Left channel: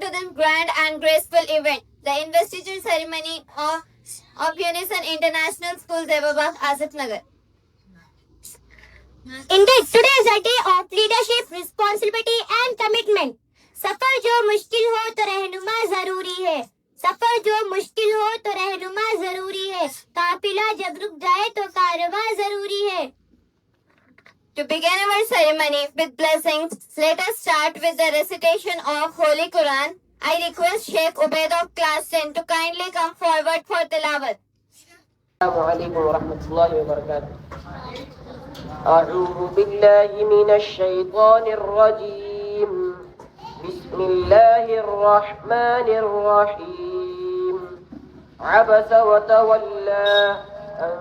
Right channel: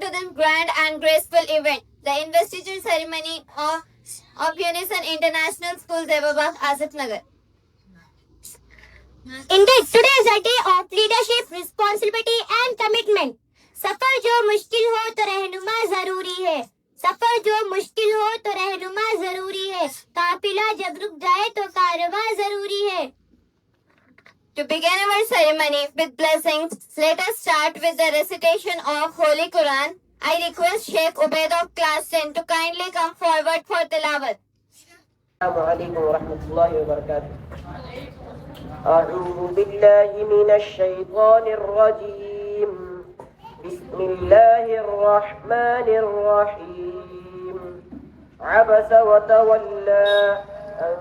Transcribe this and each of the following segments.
Welcome to this grand and graceful event, the investiture ceremony of Unison International School, Devabagh, Asif Nagar. Indeed, today is a day of leadership, responsibility and commitment. सफर जो मुश्किल हो तो रहनुमा जरूरी है. सफर जो मुश्किल हो तो रहनुमा जरूरी है. काफिला जब रुक जाए तो कारवां जरूरी है. To begin our ceremony with blessings, let us start with the recitation of Holy Quran. I request Sheikh Ubaid of class 10 to kindly come forward for tilawat. السلام عليكم ورحمة الله وبركاته. أعوذ بالله من الشيطان الرجيم. بسم الله الرحمن الرحيم. عبس وتولى أن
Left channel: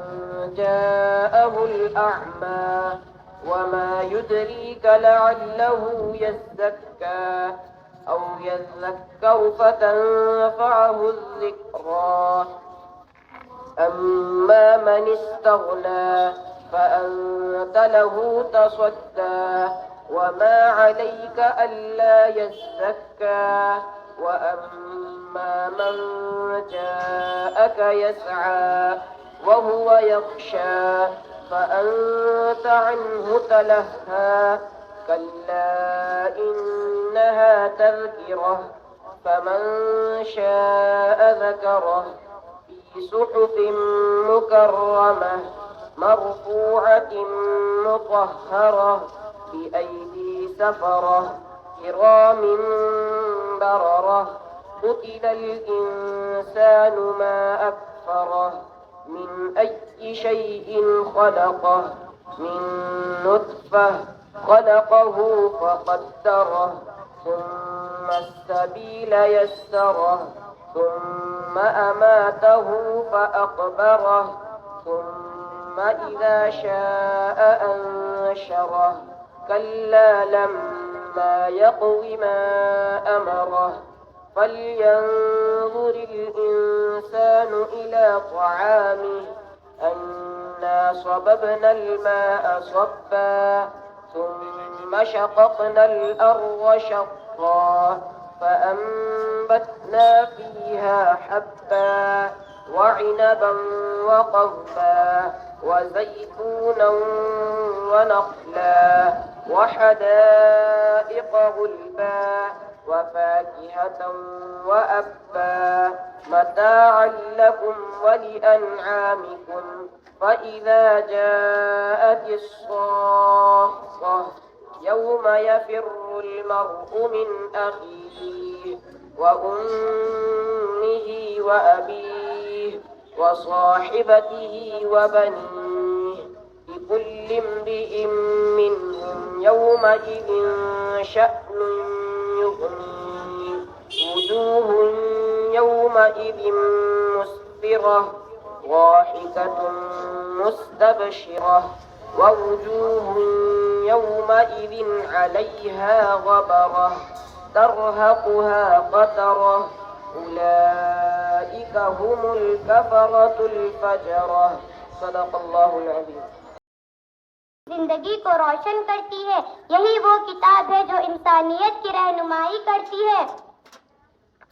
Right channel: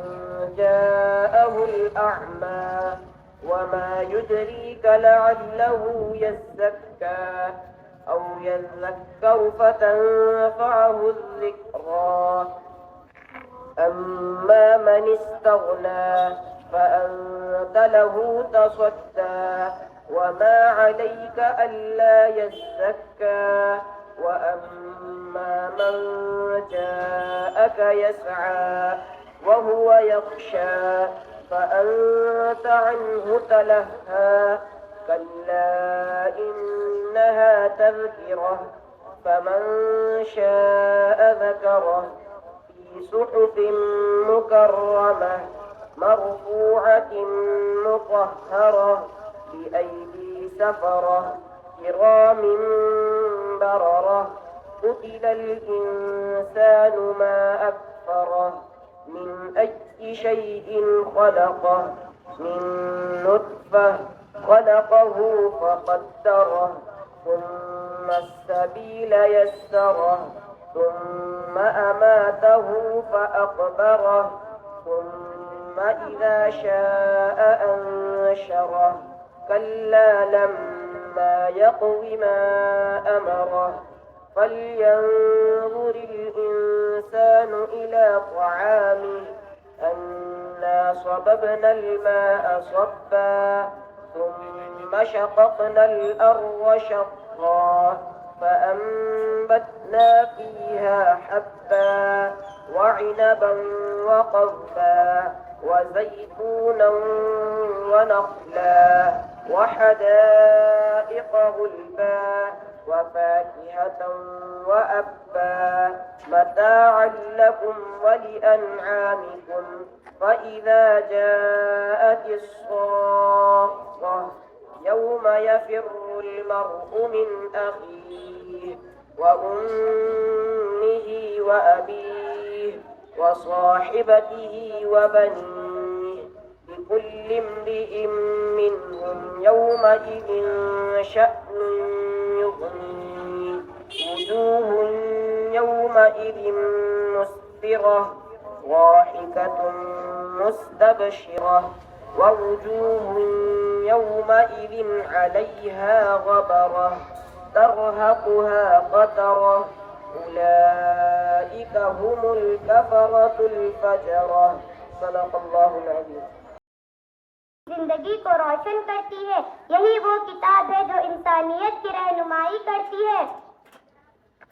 جاءه الأعمى وما يدريك لعله يزكى أو يذكر فتنفعه الذكرى. أما من استغنى فأنت له تصدى وما عليك ألا يزكى وأما من جاءك يسعى وهو يخشى فأنت عنه تلهى. كلا إنها تذكرة فمن شاء ذكره في صحف مكرمة مرفوعة مطهرة بأيدي سفرة كرام بررة. قتل الإنسان ما أكفره من أي شيء خلقه من نطفة خلقه فقدره ثم السبيل يسره ثم أماته فأقبره ثم إذا شاء أنشره. كلا لما يقض ما أمره. فلينظر الإنسان إلى طعامه أنا صببنا الماء صبا ثم شققنا الأرض شقا فأنبتنا فيها حبا وعنبا وقضبا وزيتونا ونخلا وحدائق غلبا وفاكهة وأبا متاعا لكم ولأنعامكم. فإذا جاءت الصاخة يوم يفر المرء من أخيه وأمه وأبيه وصاحبته وبنيه لكل امرئ منهم يومئذ شأن يغنيه. وجوه يومئذ مسفرة ضاحكة مستبشرة ووجوه يومئذ عليها غبرة ترهقها قترة. أولئك هم الكفرة الفجرة. صدق الله العظيم. زندگی کو روشن کرتی ہے. یہی وہ کتاب ہے جو انسانیت کی رہنمائی کرتی ہے.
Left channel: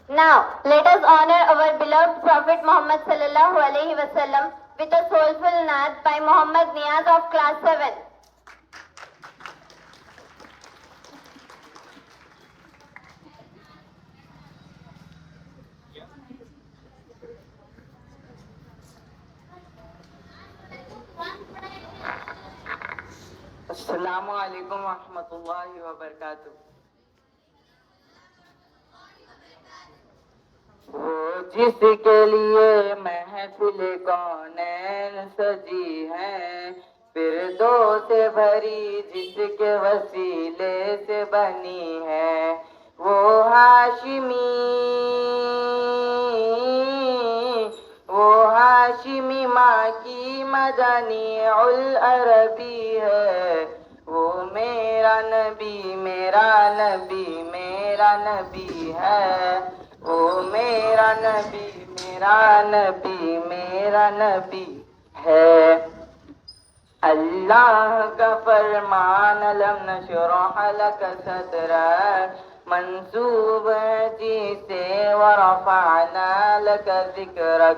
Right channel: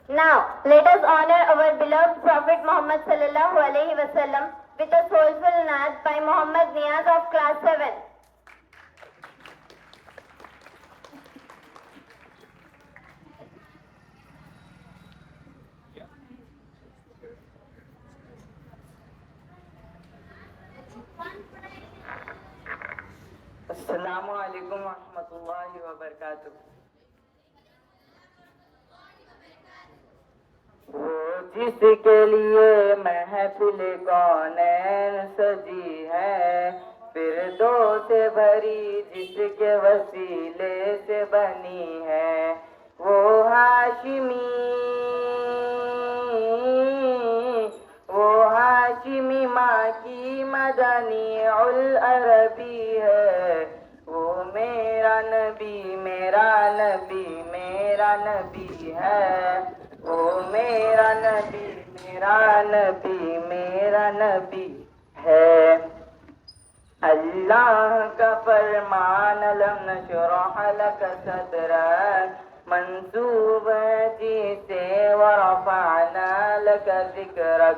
Now, let us honor our beloved Prophet Muhammad sallallahu alaihi wasallam with a soulful naat by Muhammad Niyaz of class 7. السلام علیکم ورحمۃ اللہ وبرکاتہ. وہ جس کے لیے محفل کونین سجی ہے فردوس سے بھری جس کے وسیلے سے بنی ہے وہ ہاشمی ماں کی مدنی العربی ہے. وہ میرا نبی میرا نبی میرا نبی ہے. وہ میرا نبی میرا نبی میرا نبی ہے. اللہ کا فرمان لم نشرح لك صدرك منسوب ہے جسے ورفعنا لک ذکرک،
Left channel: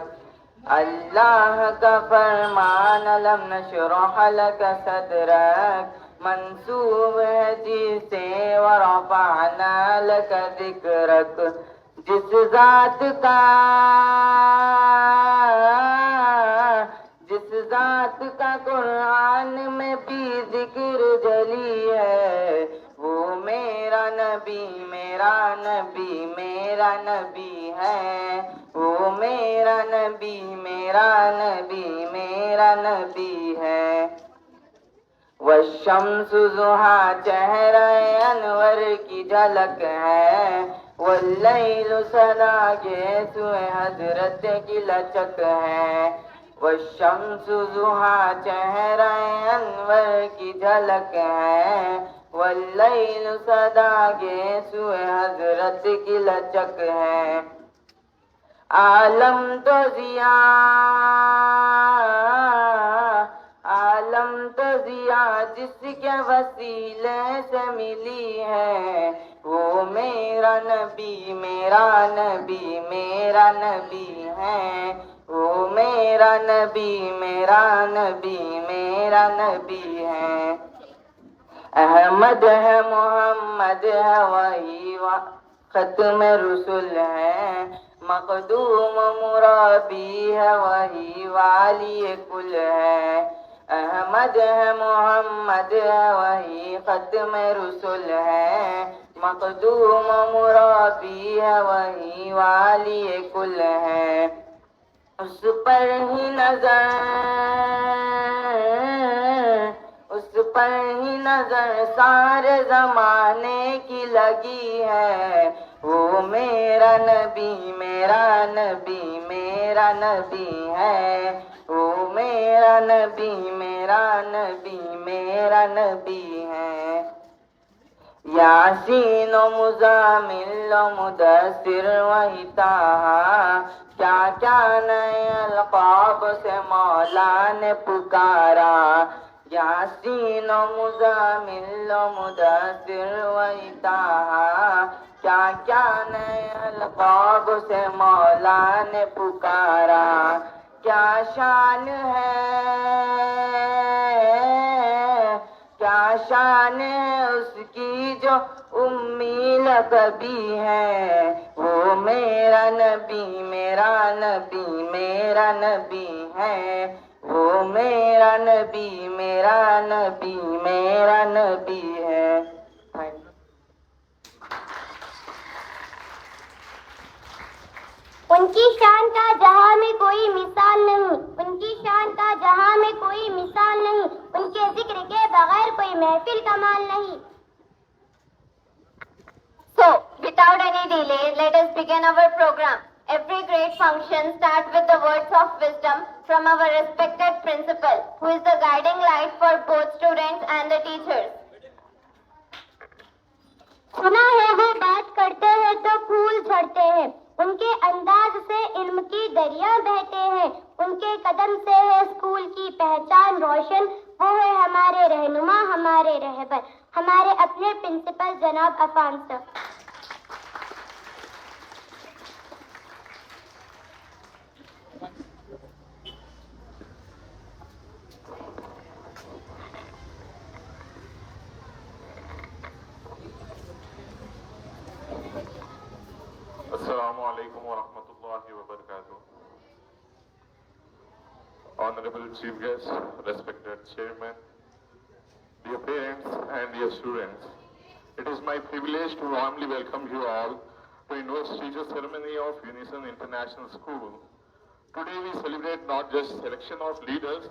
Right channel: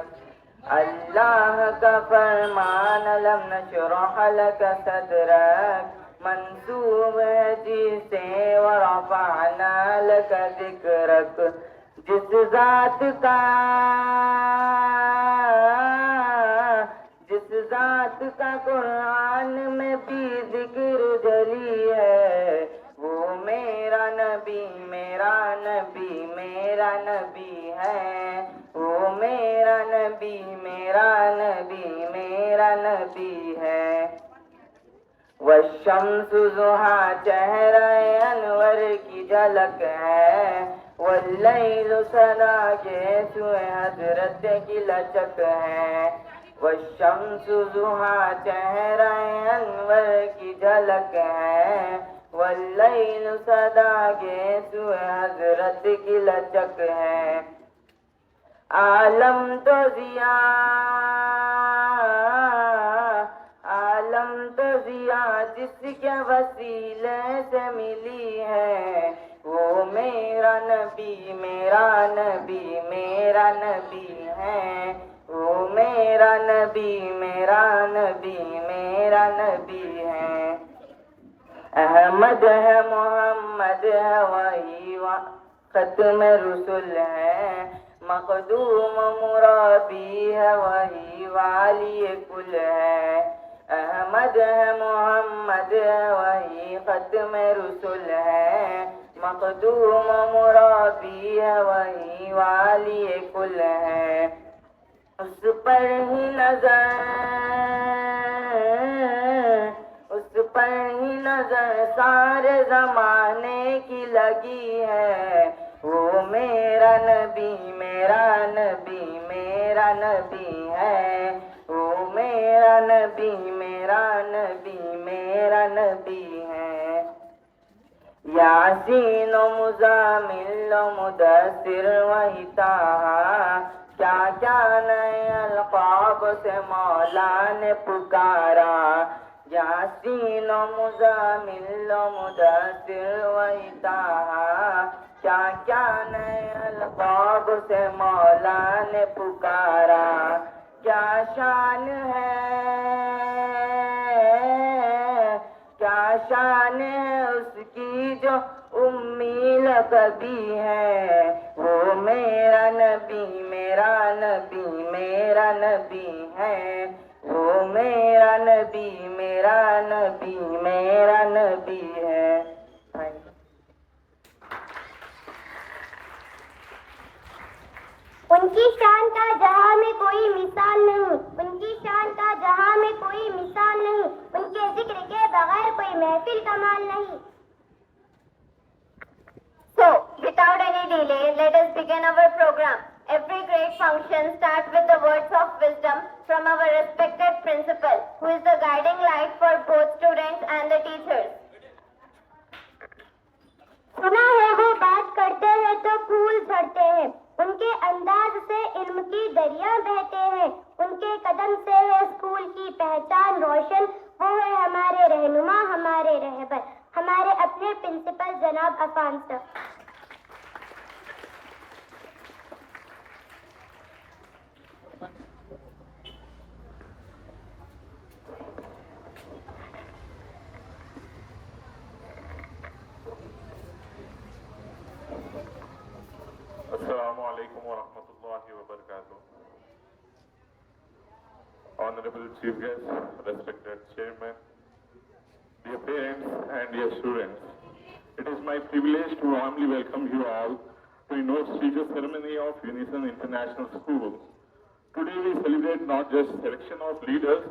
اللہ کا فرمان لم نشرح لک صدرک، منسوب ہے جسے ورفعنا لک ذکرک، جس ذات کا قرآن میں بھی ذکر جلی ہے، وہ میرا نبی میرا نبی میرا نبی ہے، وہ میرا نبی میرا نبی میرا نبی ہے۔ والشمس ضحیٰ چہرہ انور کی جھلک ہے، واللیل سنا گیسوئے حضرت کی لچک ہے، والشمس ضحیٰ چہرہ انور کی جھلک ہے، واللیل سنا گیسوئے حضرت کی لچک ہے۔ عالم تو ضیاء جس کے وسیلے سے ملی ہے، وہ میرا نبی میرا نبی میرا نبی ہے، وہ میرا نبی میرا نبی میرا نبی ہے۔ احمد ہے محمد ہے وہی ختم رسول ہے، مخدوم مرابی ہے وہی والی کل ہے، احمد ہے محمد ہے وہی ختم رسول ہے، مخدوم مرابی ہے وہی والی کل ہے۔ اس پر ہی نظر سارے زمانے کی لگی ہے، وہ میرا نبی میرا نبی میرا نبی ہے، وہ میرا نبی میرا نبی میرا نبی ہے۔ یاسین و مزامل و مدثر وہی طٰہٰ، کیا کیا نئے القاب سے مولا نے پکارا، یاسین و مزامل و مدثر وہی طٰہٰ، کیا کیا نئے القاب سے مولا نے پکارا، کیا شان ہے اس کی جو امی لقبی ہے، وہ میرا نبی میرا نبی میرا نبی ہے، وہ میرا نبی میرا نبی میرا نبی ہے۔ ان کی شان کا جہاں میں کوئی مثال نہیں، ان کی شان کا جہاں میں کوئی مثال نہیں، ان کے ذکر کے بغیر کوئی محفل کمال نہیں۔ So, without any delay, let us begin our program. Every great function starts with the words of wisdom from our respected principal, who is the guiding light for both students and the teachers. سنا ہے وہ بات کرتے ہیں تو پھول جھڑتے ہیں، ان کے انداز سے علم کی دریا بہتے ہیں، ان کے قدم سے ہے اسکول کی پہچان روشن، وہ ہے ہمارے رہنما ہمارے رہبر، ہمارے اپنے پرنسپل جناب عفان سر۔ السلام علیکم ورحمۃ اللہ وبرکاتہ. Honorable Chief Guest, respected Chairman, dear parents and dear students, it is my privilege to warmly welcome you all to Inno's teacher ceremony of Unison International School. Today we celebrate not just selection of leaders,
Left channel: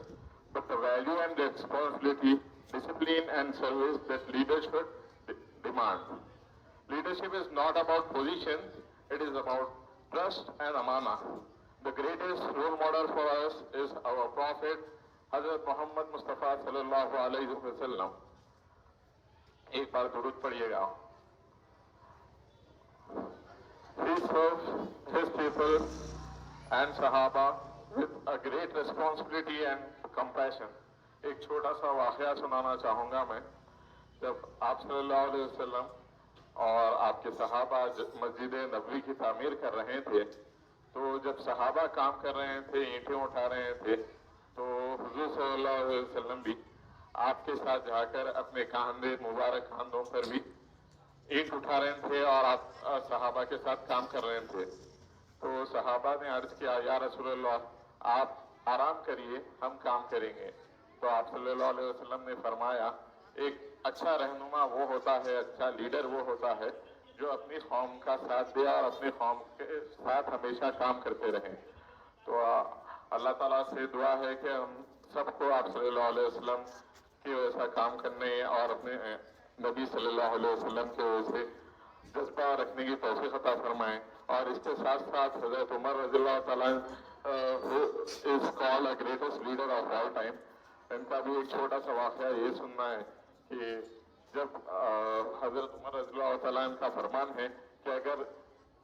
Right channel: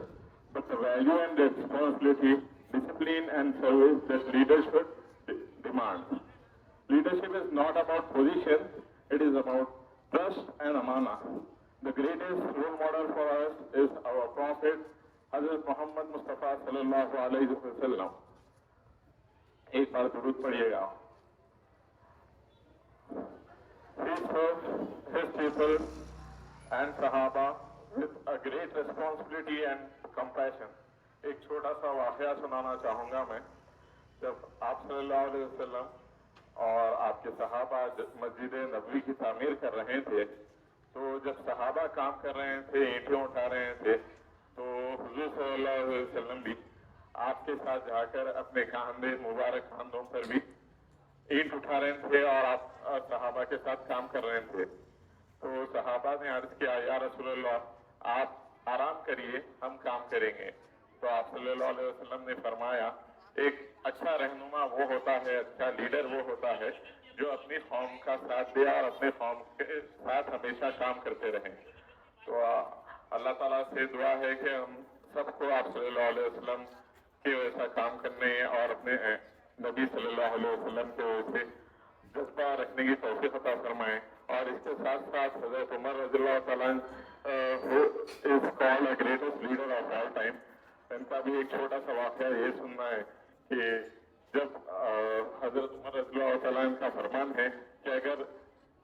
but the value and responsibility, discipline and service that leadership demand. Leadership is not about position, it is about trust and amana. The greatest role model for us is our Prophet, Hazrat Muhammad Mustafa sallallahu alayhi wa sallam. ایک بار درود پڑھیے گا. He served his people and Sahaba with a great responsibility and compassion. ایک چھوٹا سا واقعہ سنانا چاہوں گا میں. جب آپ صلی اللہ علیہ وسلم اور آپ کے صحابہ مسجد نبوی کی تعمیر کر رہے تھے، تو جب صحابہ کام کر رہے تھے، اینٹیں اٹھا رہے تھے، تو حضور صلی اللہ علیہ وسلم بھی آپ کے ساتھ جا کر اپنے کاندھے مبارک کاندھوں پر بھی اینٹ اٹھا رہے تھے اور آپ صحابہ کے ساتھ کام کر رہے تھے. تو صحابہ نے عرض کیا، یا رسول اللہ آپ آرام کریے، ہم کام کریں گے. تو آپ صلی اللہ علیہ وسلم نے فرمایا، ایک اچھا رہنما وہ ہوتا ہے، اچھا لیڈر وہ ہوتا ہے جو اپنی قوم کا ساتھ دے اور اپنے قوم کے ساتھ ہمیشہ کام کرتے رہیں. تو اللہ تعالیٰ سے دعا ہے کہ ہم سب کو آپ صلی اللہ علیہ وسلم کے ویسا کام کرنے اور اپنے نبی صلی اللہ علیہ وسلم کے ویسے جذبہ رکھنے کی توفیق عطا فرمائیں. اور اس کے ساتھ ساتھ حضرت عمر رضی اللہ تعالیٰ is called a greatest leader of all time. ان کا بھی ایک چھوٹا سا واقعہ یہ سننا ہے کہ جب حضرت عمر رضی اللہ تعالیٰ کا فرمان ہے کہ اگر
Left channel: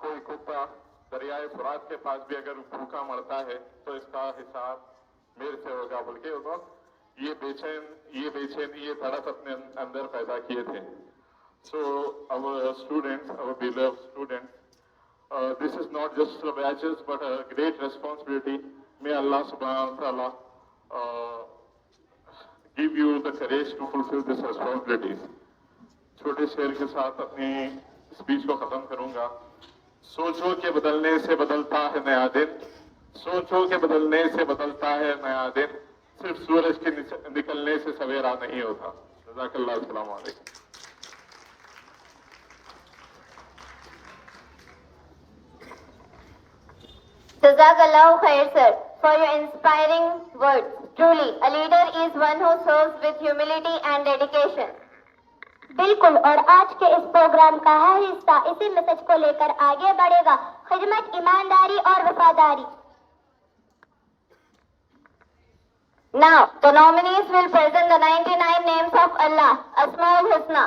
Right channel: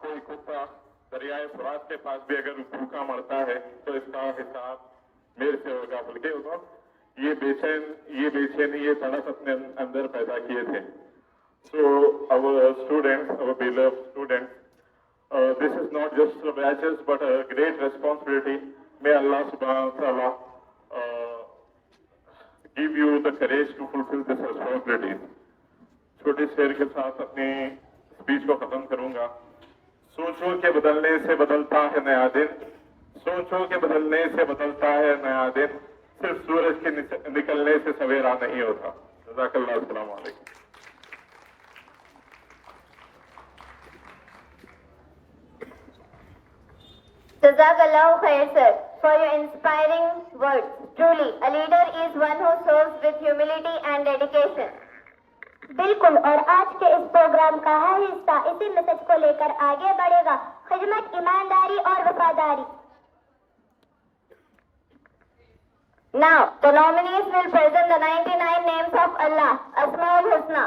کوئی کتا دریائے فرات کے پاس بھی اگر بھوکا مرتا ہے تو اس کا حساب میرے سے ہوگا، بلکہ انہوں یہ بے چینی یہ تڑپ اپنے اندر پیدا کیے تھے. So our students, our beloved students, this is not just the batches but a great responsibility. May Allah subhanahu wa ta'ala give you the courage to fulfill these responsibilities. چھوٹے شعر کے ساتھ اپنی اسپیچ کو ختم کروں گا. سوچو کہ بدلنے سے بدلتا ہے نیا دن، سوچو کہ بدلنے سے بدلتا ہے نیا دن، صرف سورج کے نکلنے سے سویرا نہیں ہوتا. جزاک اللہ. السلام علیکم. Jazakallah khair, sir, for your inspiring words. Truly, a leader is one who serves with humility and dedication. بالکل، اور آج کے اس پروگرام کا ہر حصہ اسی میسج کو لے کر آگے بڑھے گا: خدمت، ایمانداری اور وفاداری. Now, the nominees will present the 99 names of Allah, Asmaul Husna.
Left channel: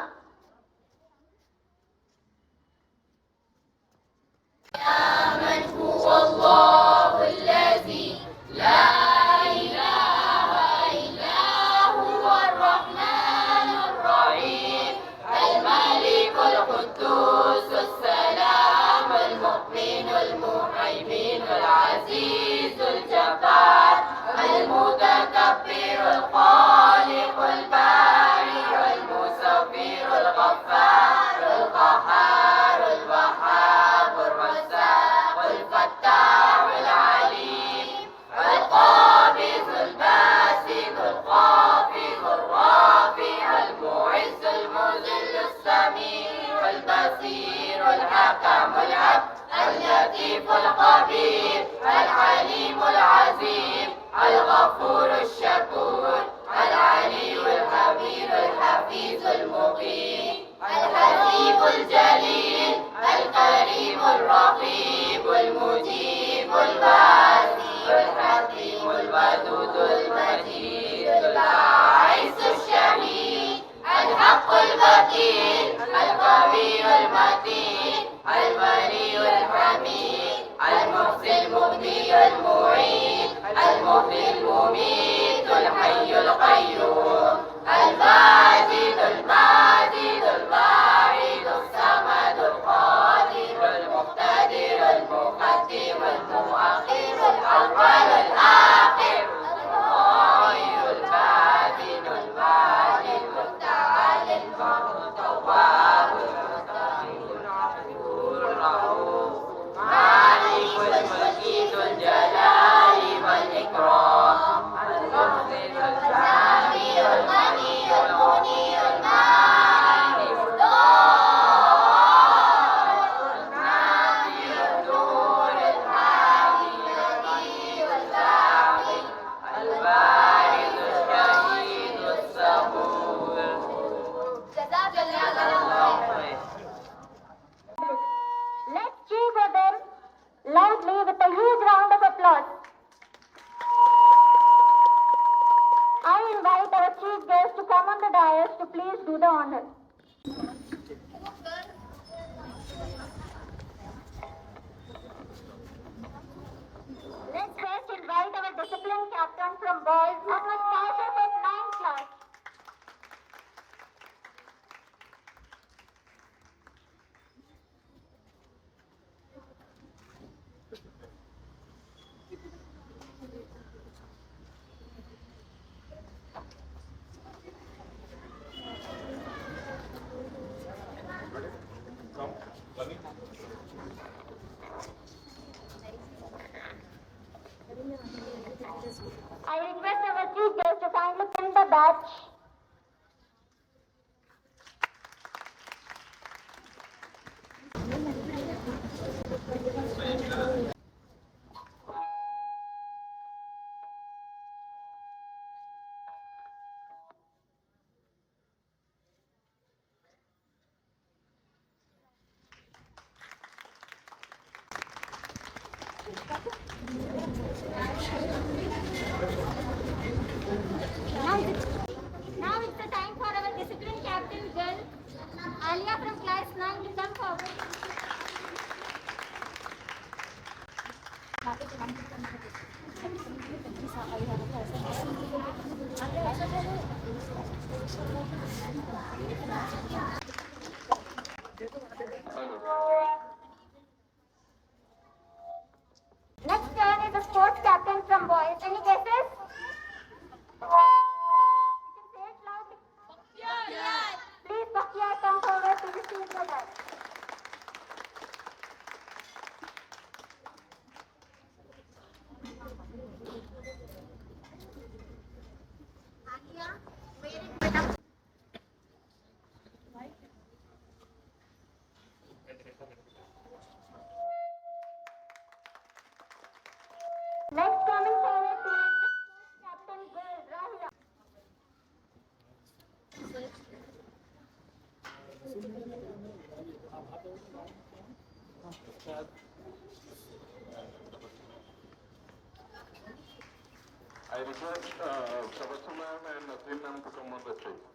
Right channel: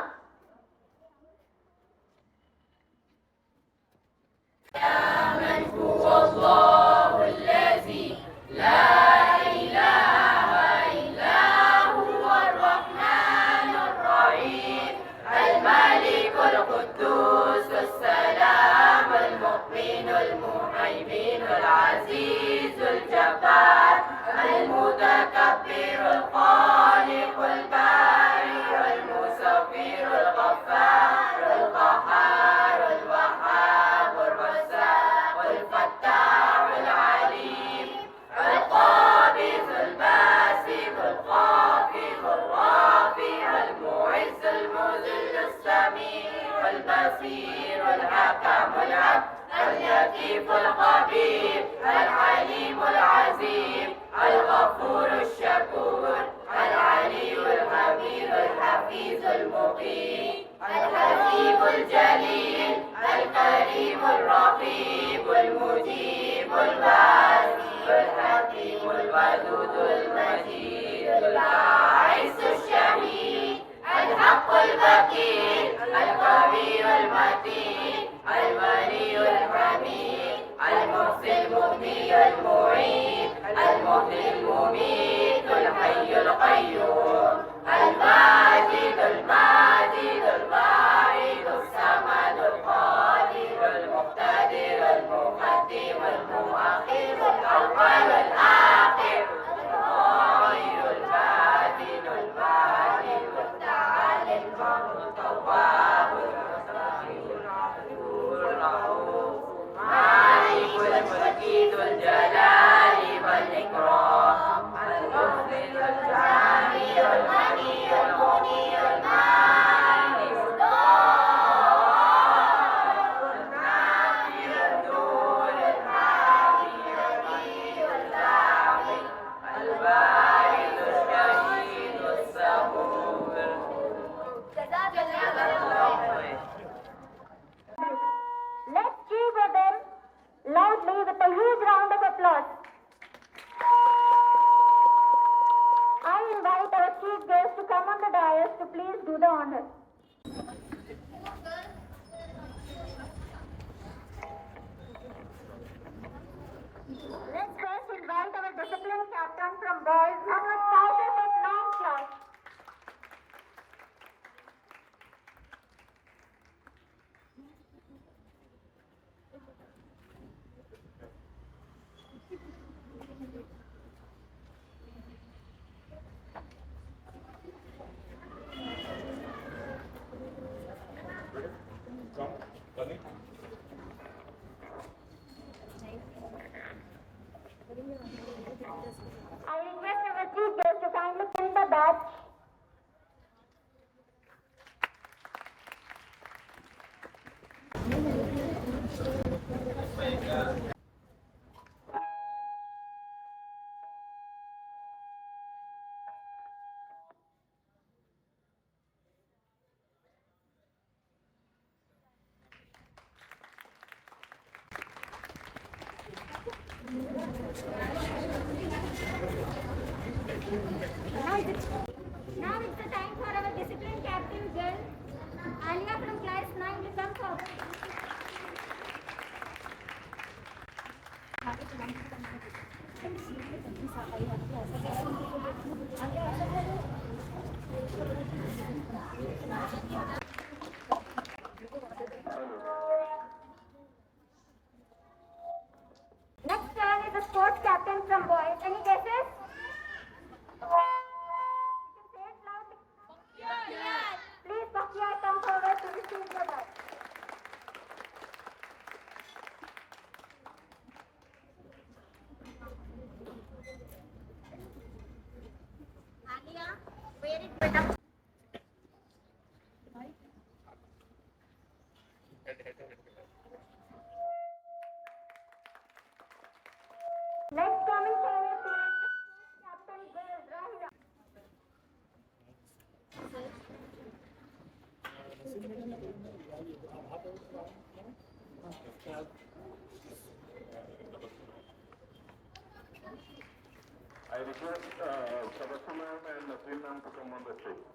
Let's cheer them loudly with a huge round of applause. I invite our chief guest to come on the dais to please do the honor. Let's first invite our discipline captain from boys who was started in 9th class. Now it's the time for our discipline captain girl, Alia from class 9 to come forward. Next turn is the sports captain from boys. Any guesses? You can say it loudly. Please, Bakhtiar, come forward to receive the badge. Alia, wear it, beta. Next coming forward to the captain girl, Rahila. I request Sabatu ma'am and Nazreen ma'am to come on the stage.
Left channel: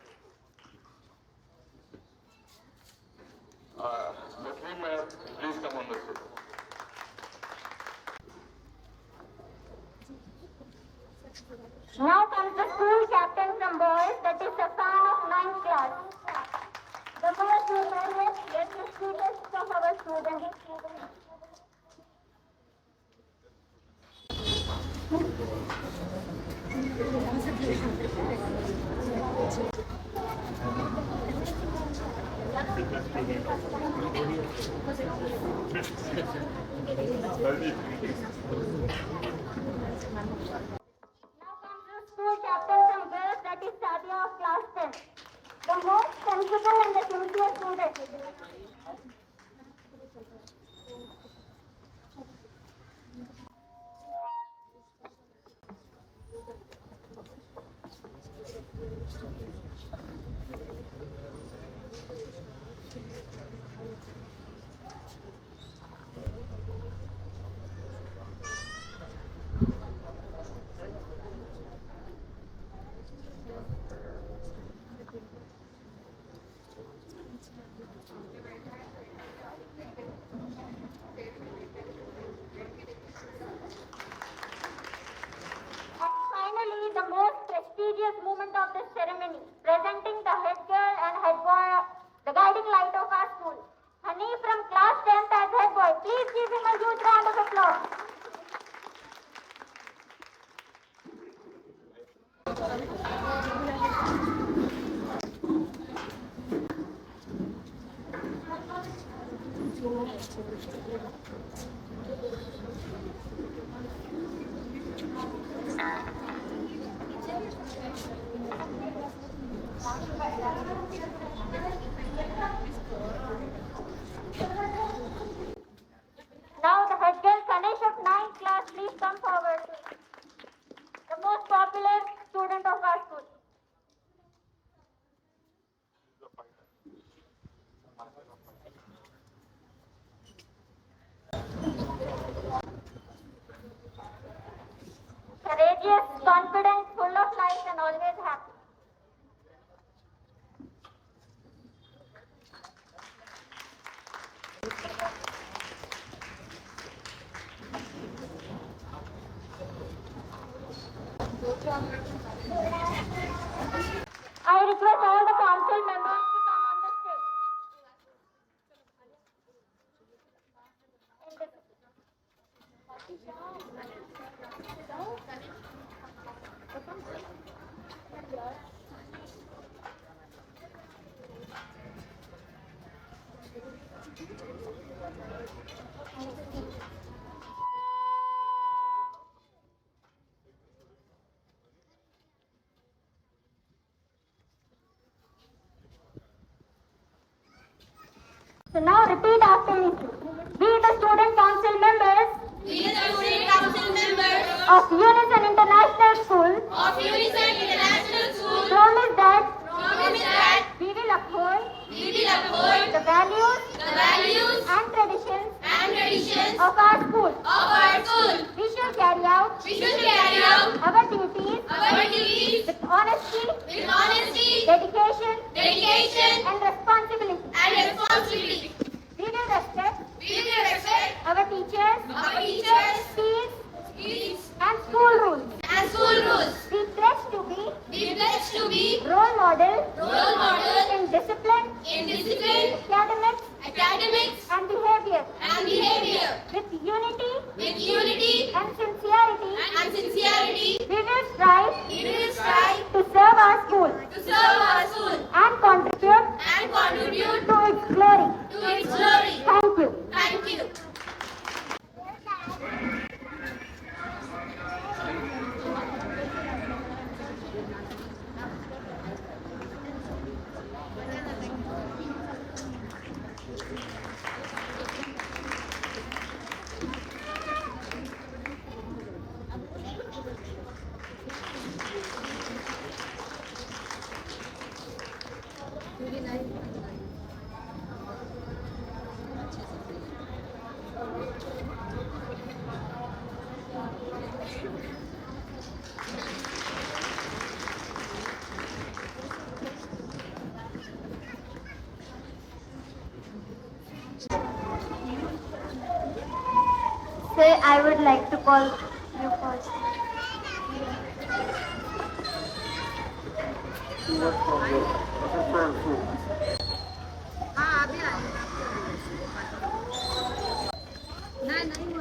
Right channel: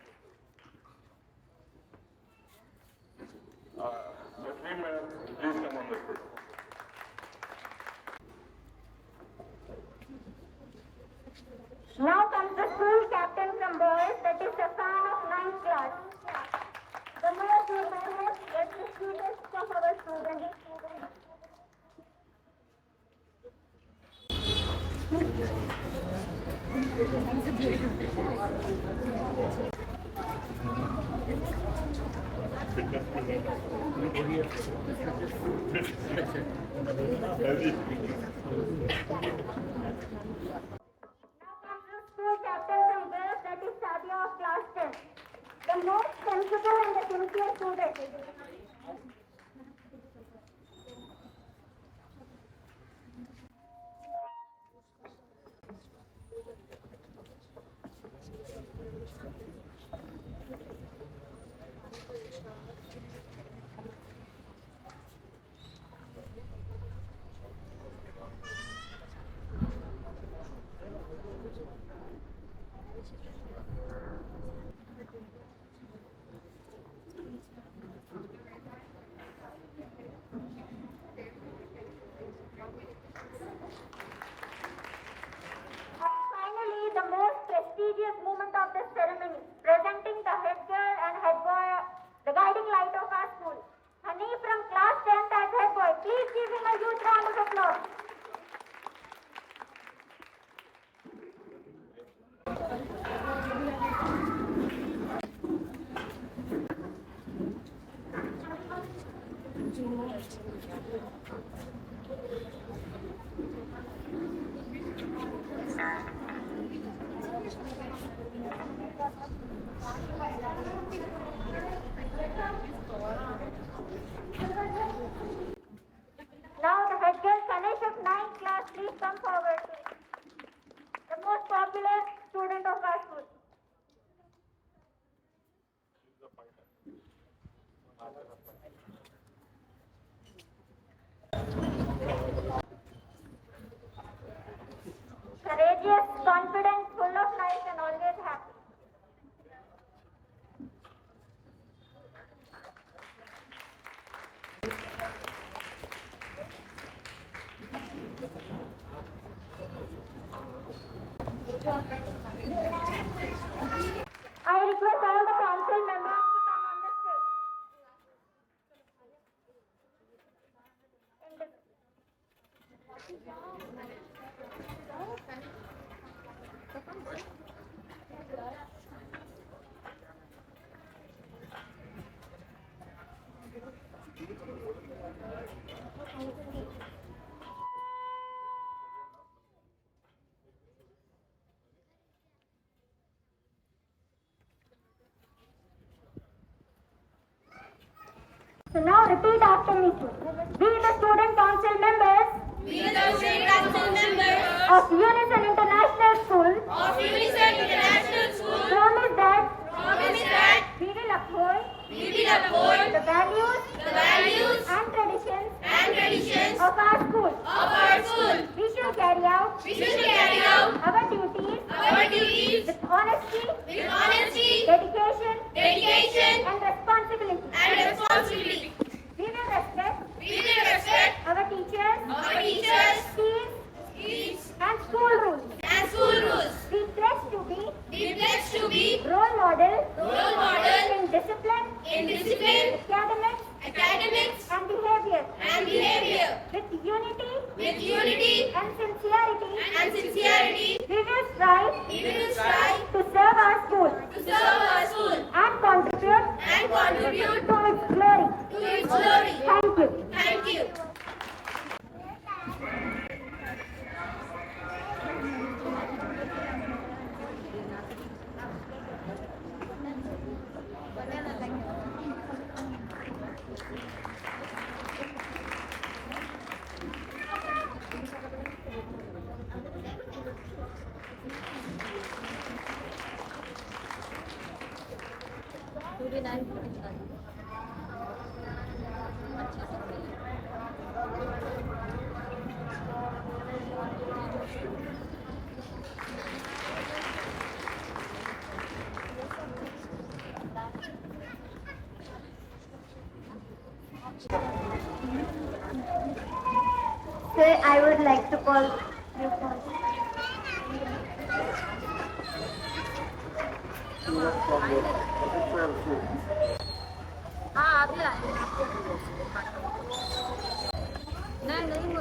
Nazreen ma'am, please come on the stage. Now comes the school captain from boys, that is the fan of 9th class. The most remembered, let the students of our students. Now comes the school captain from girls, that is Sadia of class 10. The most sensible and the sincere student. And finally, the most prestigious moment of the ceremony, presenting the head girl and head boy, the guiding light of our school. Hani from class 10th as head boy. Please give him a huge round of applause. Now the head girl Ganesh of 9th class, please come forward. The most popular student of our school. Courageous, confident, full of life and always happy. I request all the council members to come on the stage. So now repeat after me. We the student council members of Unison International School promise that we will uphold the values and traditions of our school. We shall carry out our duties with honesty dedication, and responsibility. We will respect our teachers, kids, and school rules. We pledge to be role model in discipline, academics, and behavior. With unity and sincerity, we will strive to serve our school and contribute to its glory. Thank you. Sir, I would like to call you first.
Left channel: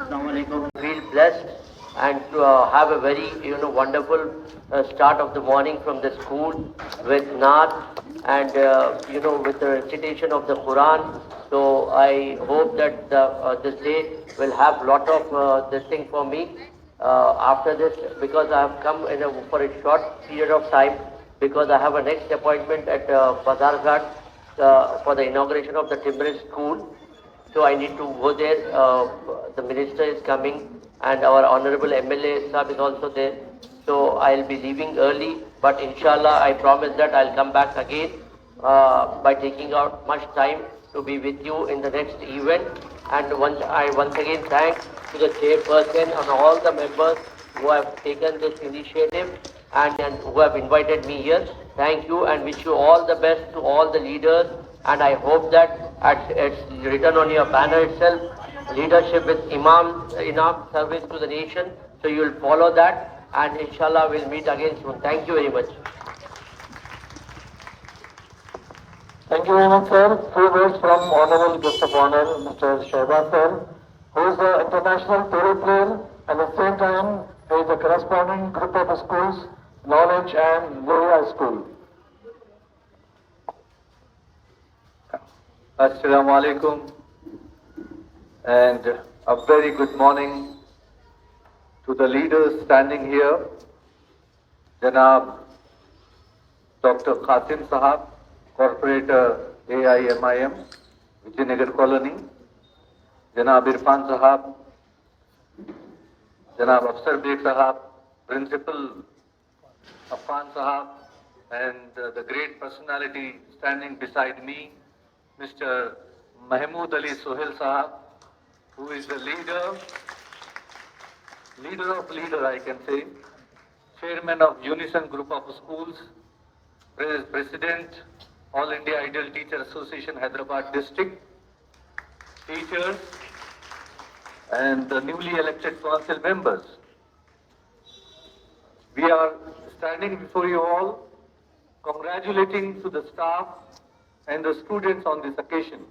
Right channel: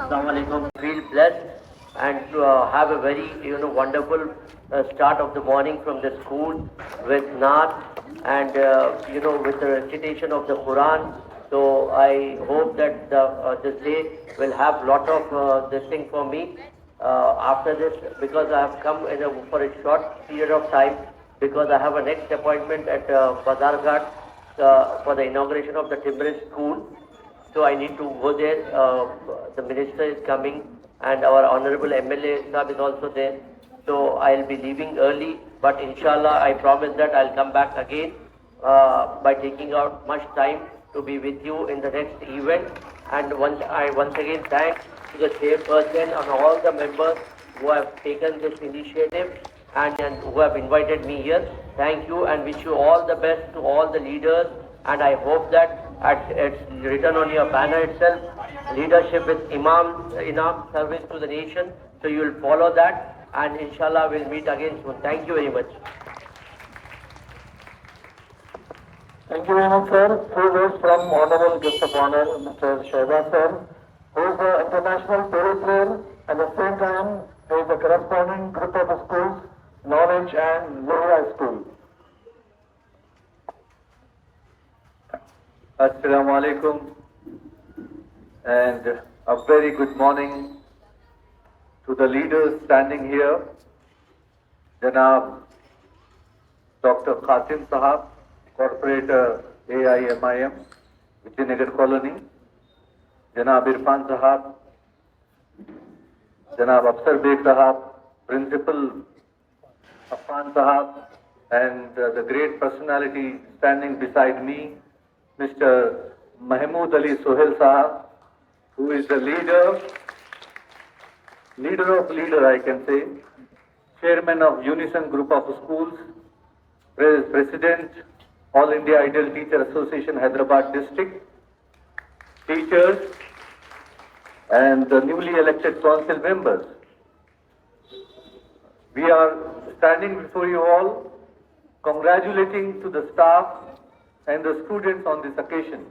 Assalamualaikum. Feel blessed and to have a very wonderful start of the morning from the school with Naat and with the recitation of the Quran. So I hope that this day will have lot of this thing for me after this, because I have come for a short period of time, because I have a next appointment at Bazarghat for the inauguration of the Timbrel School. So I need to go there. The minister is coming and our honorable MLA Sahab is also there. So I'll be leaving early, but inshallah I promise that I'll come back again by taking out much time to be with you in the next event. And once again thank to the chairperson and all the members who have taken this initiative and who have invited me here. Thank you and wish you all the best to all the leaders. And I hope that it's written on your banner itself, leadership with Imam service to the nation. So you will follow that, and inshallah we'll meet again soon. Thank you very much. Thank you very much, sir. Few words from Honorable Guest of Honor, Mr. Shehbaz sir, who is an international polo player, and at the same time he is a corresponding group of schools, Knowledge and Loya School. Assalamu alaikum and a very good morning to the leaders standing here. Janab Dr. Qasim Sahab, Corporator AIMIM, Vijayanagar Colony. Janab Irfan Sahab, Janab Afsar Beg Sahab, Principal Affan Sahab, and the great personality standing beside me, Mr. Mahmood Ali Sohail Sahab, who is the leader I can say, Chairman of Unison Group of Schools, President, All India Ideal Teacher Association, Hyderabad District, teachers, and the newly elected council members. We are standing before you all, congratulating to the staff and the students on this occasion.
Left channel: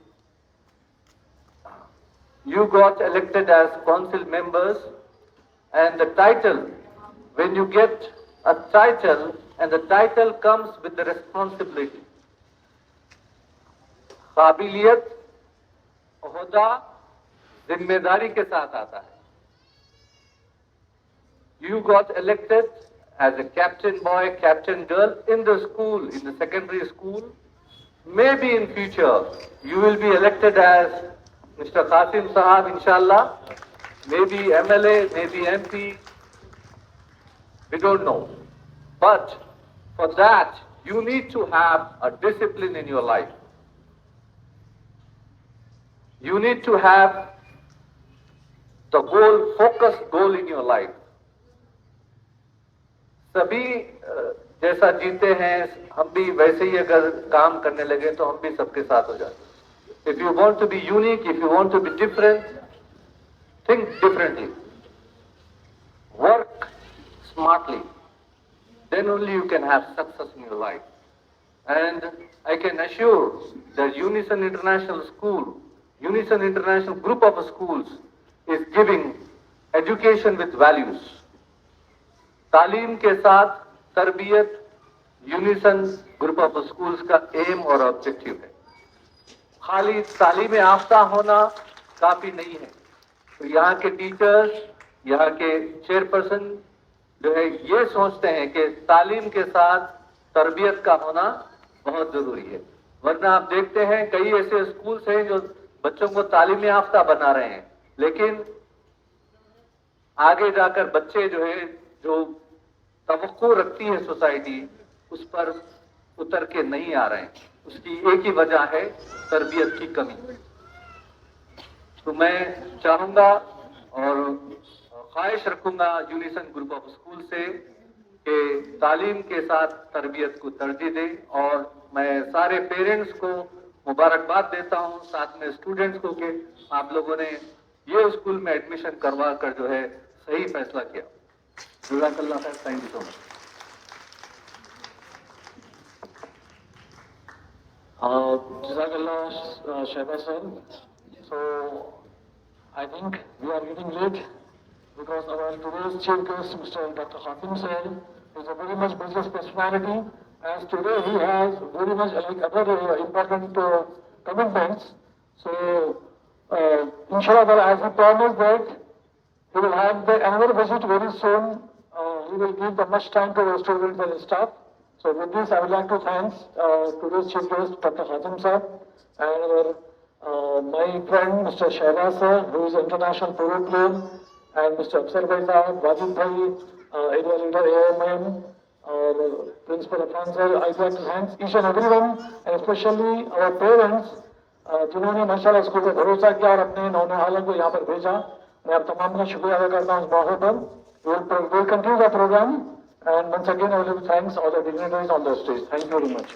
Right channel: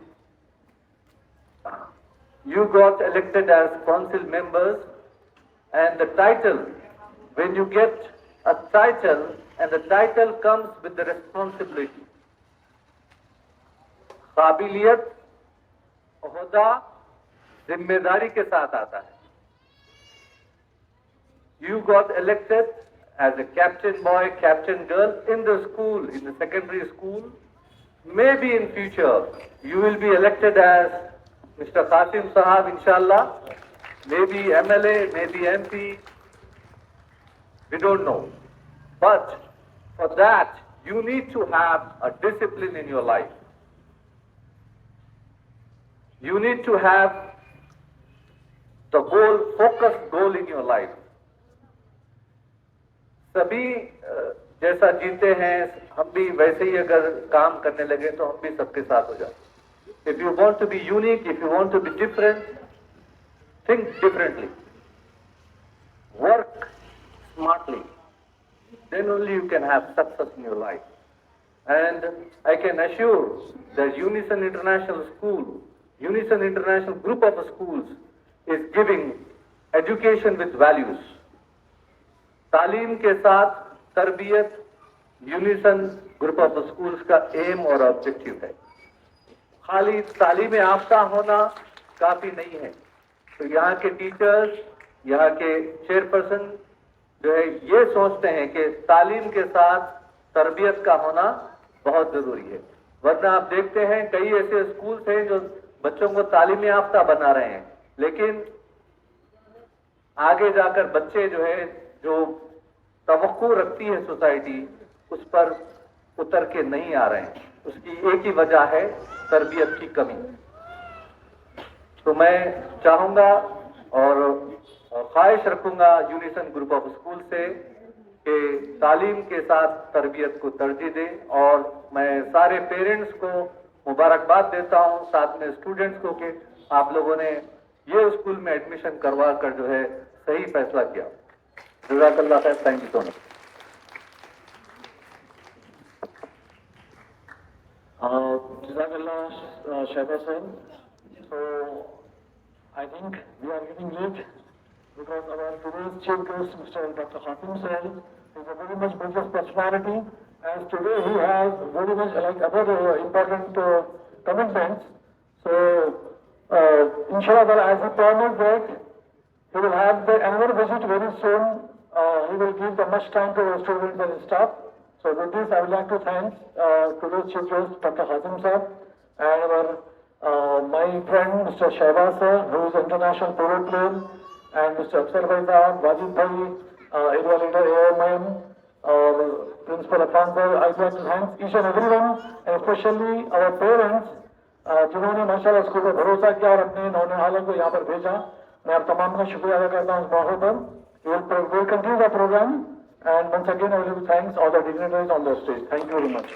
You got elected as council members, and the title, when you get a title, and the title comes with the responsibility. काबिलियत, ओहदा, जिम्मेदारी के साथ आता है. You got elected as a captain boy, captain girl in the school, in the secondary school. Maybe in future you will be elected as Mr. Qasim Sahab, inshallah. Maybe MLA, maybe MP. We don't know. But for that, you need to have a discipline in your life. You need to have the goal, focused goal in your life. सभी जैसा जीते हैं हम भी वैसे ही अगर काम करने लगे तो हम भी सबके साथ हो जाते। If you want to be unique, if you want to be different, think differently. Work smartly. Then only you can have success in your life. And I can assure that Unison International School, Unison International Group of Schools is giving education with values. तालीम के साथ तरबियत unison group of schools का M और objective है। खाली तालीम याफ्ता होना काफी नहीं है। तो यहाँ के टीचर्स, यहाँ के चेयरपर्सन जो है ये सोचते हैं कि तालीम के साथ तरबियत का होना बहुत जरूरी है। वरना आप देखते हैं कई ऐसे स्कूल्स हैं जो बच्चों को तालीम याफ्ता बना रहे हैं, लेकिन आगे जाकर बच्चे जो है जो तवक्को रखती है सोसाइटी उस पर उतर के नहीं आ रहे हैं। उसकी एक ही वजह है तरबियत की कमी। तो मैं चाहूंगा और ख्वाहिश रखूंगा यूनिसन ग्रुप ऑफ स्कूल से कि तालीम के साथ तरबियत को तरजीह दें, और मैं सारे पेरेंट्स को मुबारकबाद देता हूं, साथ में स्टूडेंट्स को कि आप लोगों ने ये स्कूल में एडमिशन करवा कर जो है सही फैसला किया। जज़ाकल्लाह खैर। Thank you so much. Jazakallah, Shaiba sir. So, I think we are getting late because our today's chief guest, Mr. Dr. Khatim sir, is a very much business personality, as today he has very much like other important commitments. So, inshallah, as he promised that he will have another visit very soon. He will give the much time to the students and staff. So with this, I would like to thank today's chief guest, Dr. Khatim sir, and my friend, Mr. Shaiba sir, who is international polo player, and Mr. Afsar Bhai sahab, Wajid Bhai, area leader AMM, Principal Afan sir. I would like to thank each and everyone, and especially our parents, जिन्होंने माशाल्लाह school पे भरोसा किया और अपने नौनिहालों को यहाँ पर भेजा। मैं आप तमाम का शुक्रिया अदा करता हूँ इस मौके पर। We'll continue the program, and once again I will thanks all the dignitaries on the stage. Thank you very much.